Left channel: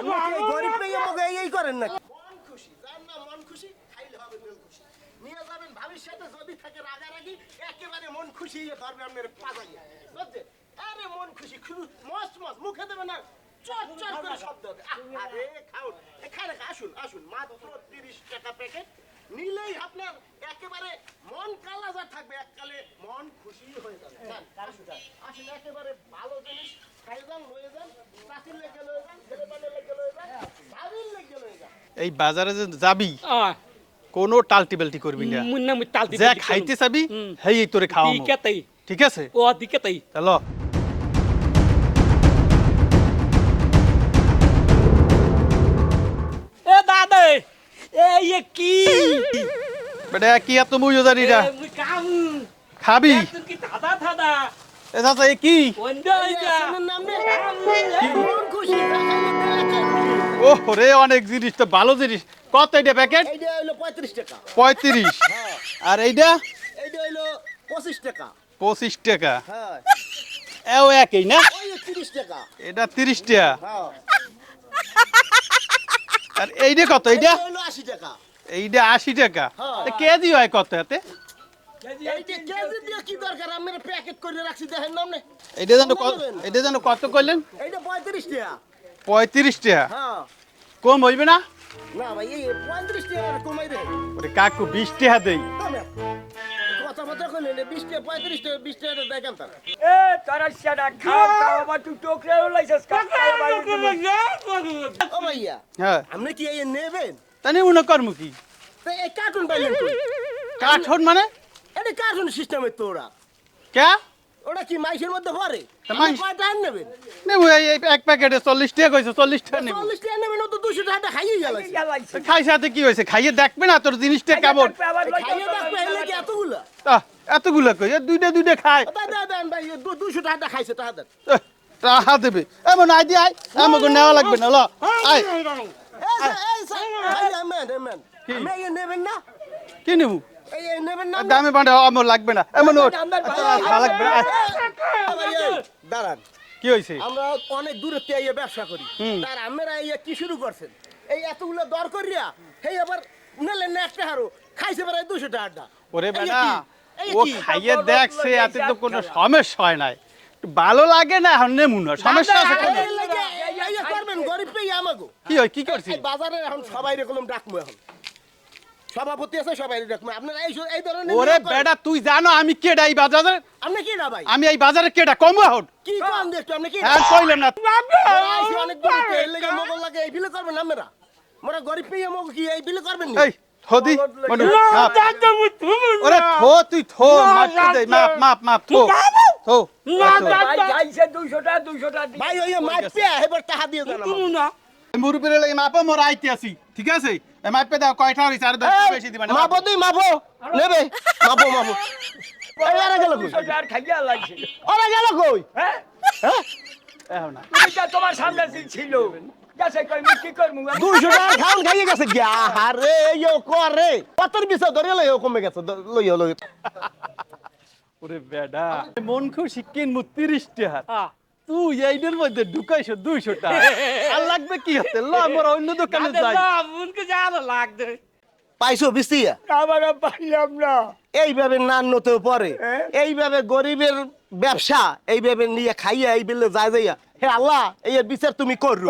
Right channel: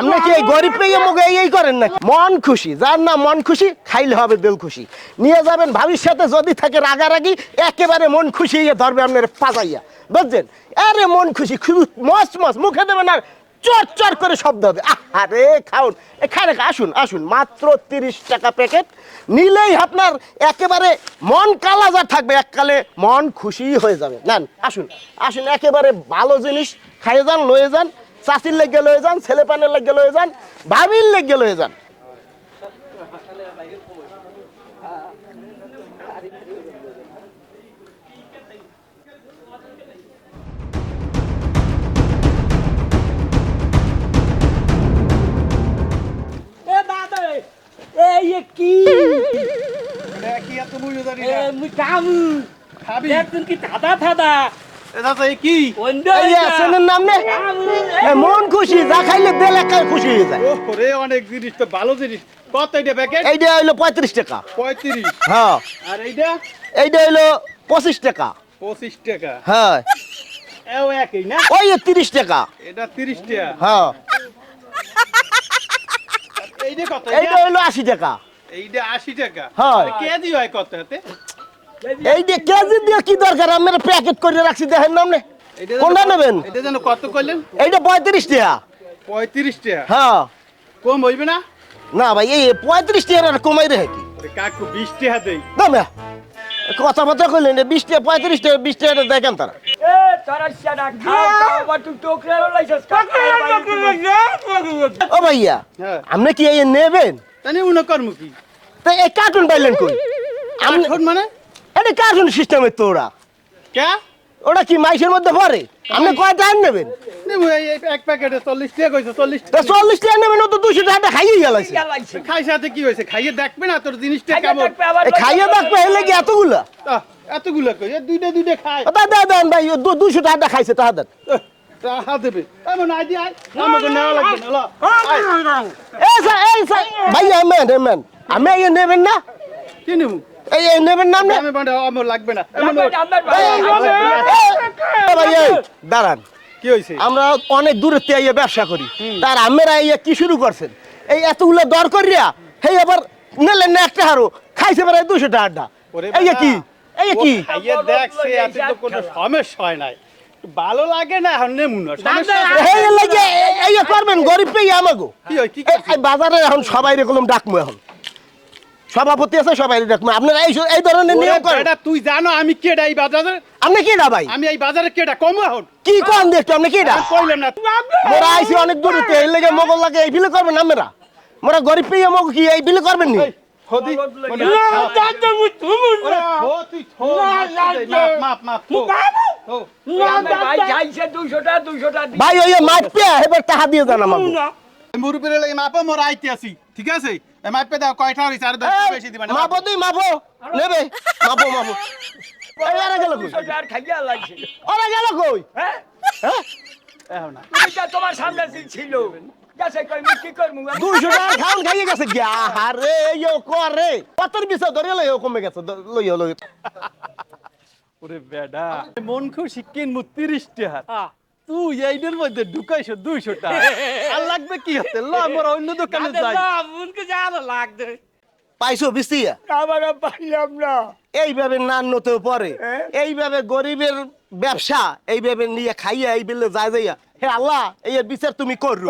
আপনি কি এই গরিব পেয়ে মুখে এই করেন না? মন খুশি, যার না মন খুশি খাইলে হবে দিল খুশি। নিয়ে যাবেন ভাবির সাথে, যদি থাকে রাগারাগি একেবারে মন খুশি হয়ে ধরবে আপনার পাজাইয়া, বুঝছেন? আরে মন খুশি খুব মস্ত মস্ত মুখে দেবেন আর চর চর করে শব্দ হবে। আরে খাউন, এখানে আসুন আসুন, মাত্র 30 টাকা প্যাকেট নিলেই আপনার একেবারে মন কালাজার থাকবে, এককালে মন খুশি হয়ে যাবে। নেন আসুন আসুন, একেবারে ভালো জিনিস খাইয়ে যান, লয়ে যান, চাষির লেগে লয়ে যান, ছেলে পানের লেগে লয়ে যান, ভাবির লেগে লয়ে যান। এই বাজারে যে যাবি কোনো টালটি বেলটি করবি না, যা খাইতে চাবি হেই তোরে খাওয়া, ঠিক আছে? ও দিকে তাই হ্যালো এ দাদা এই কি বেটা কি এত মুইও জানি না, মুই কাম খাবি একদিন কি দাদা দাদা এ দাদা এ কি এই আসনের নাম নে, মন খুশি, যা খাইলে দিল একাই খুশি হয়ে যায়। ও রে অনেক জিনিস তো, ভালো জিনিস। কত এটা প্যাকেট? এইটা হইলো 35 টাকা। 35? হ্যাঁ। আর এইটা? এইটা হইলো 25 টাকা। 25 টাকা? হ্যাঁ। এও একই না? ওই 30 টাকা। এটা 30 টাকা? হ্যাঁ। আর এইটা কত? এইটা হইলো 80 টাকা। এইটা 80 টাকা? হ্যাঁ। কেজি হয় কত এতে? এইটা কেজি দিয়ে কি দরকার, আমরা প্যাকেট করে রাখছি, দেখেন না আপনি? এটা যেন কোনটা নেবেন? এটা যেন কত কইলেন? এইটা 35 টাকা। 35 টাকা? হ্যাঁ। কম হইবে না? না ভাই, এই 35 টাকা কমাই রে কি? ওরে কাকু 20 টাকা দেই। দামে কথা কথা কইলেন 20 টাকা 35 টাকা 20 টাকা দেখেন তারা। এ তোরা সেটা খাও খাও বা তুই টোকরে লাইছস ও ভাইয়া, হ্যাঁ। আপনি কি এই নেবেন? তানি উনা করমু কি? তো এই কার্টুন পাইলেন কই? আঠন মানে? এটা কার্টুন সিস্টেমের তো ওরা। কে? ওটা কি মাইসের মধ্যে পড়ে? আপনি কয়টা আন নেবেন? নেবো এই এক প্যাকেটে 40 টাকা কইছে, 40 তা টাকা। 40 টাকা নেবেন, ও তো 200 টাকা খাইয়ে গেলাইছে। খাই সাথে কি হইছে? খাইয়ে দেখবে না তোর জিনিসটা কেমন? এই খাইয়ে দেখবে হেলে কি এতগুলা? এতগুলো কই? দুইটা খাই। দেন ভাই, 200 টাকা খাইছে, টাকা দেন। টাকা দেবে এমন আইডি আই আমাকে নেওয়া লাগবে না। লো আই এই ভাই, এমেন আমি এই নেবেন না? কি নেবো? এই নেবেন না আপনি? আমি বান্ডে আমার লাগবে না এমন। ভাই এই দাঁড়ান, কি হইছে? আমরা অনেক দূরের থেকে এই ব্যবসা করি, তার আমরা এই কি শুরু করছেন? এই এতগুলো দর করিয়া হেই আবার নিলেন না একটা হারো, খাইছে বেড়ায় 200 টাকা। এই কি এই কি খাইয়ে দেখছে, এতে তো কোনো সমস্যা হয় নাই। ভালো লাগে না এখন নেমু না, সমস্যা আছে? এই লাগে এই করবেন গরিব পেয়ে আমাগো। কি হয় কি করছিস? এই বাজারে এখন সবাই এরকম ডাকমু, এখন সভাপতি আছে সবাই ডাকমু। আপনারা এই ধরনের ওরে নিয়ম করেন? বেটা তুই জানো আমি কেডা এই বাজারে? আপনি কি না ভাই? আমি এই বাজারে কেডা কম এখন? কি কোন দেখতে আপনি কি না? আর কইলেন না। মোরা আইছি অনেক দূরে, এই লেগে মোগল লাগে এই বিলে করবেন আমরা? মোরা গরিব পেয়ে মগ কি এই বিলে করবেন নি? এই হদি মানে ওরে থো তুই থো মাপ থো থো। ভাই খাইছে 200 টাকা 200 টাকা ভাই ওই মাপে এবার টাকা দিয়ে জানা মাগো। মুরুবিরে লাগি মাপো, মোর আইতে আছি, ঠিক আছে? এই মাপে দাও কয়টা হইছে, আর 10 বেশি দিবা না। মাপো তুই মাপো নেবে, মাপো এই আরে গেল কই? 200 টাকা খাইয়া লাগছে ওরা গেল কই? হ্যাঁ হ্যাঁ এখন না এটা তোমার সামনে ছিল গেছে কই আমি কি করব 200 টাকা খাওন খাইয়ে গেছে গিয়া। আরে ইও করে কতর বিছা ধরে লইও কমে গেছে, লইও ওরে বেডা মন খুশি কিনমু 30 টাকা, তুই এইটার মধ্যে ঢুকাইছো 200 টাকা। আর লাগবে কি হতে? ল আমরা অন্য দোকানে যাই। মনকে জানা লাগবে পাইছো বিসিয়া? আমার পাইলাম না এইভাবে নান্নতেও পরে, এইভাবে গরিবের ব্যবসা এইভাবে নিয়ে খাইয়া এই বিলে যায় যাইয়া, হে আল্লাহ এই বিচার তুমি করো।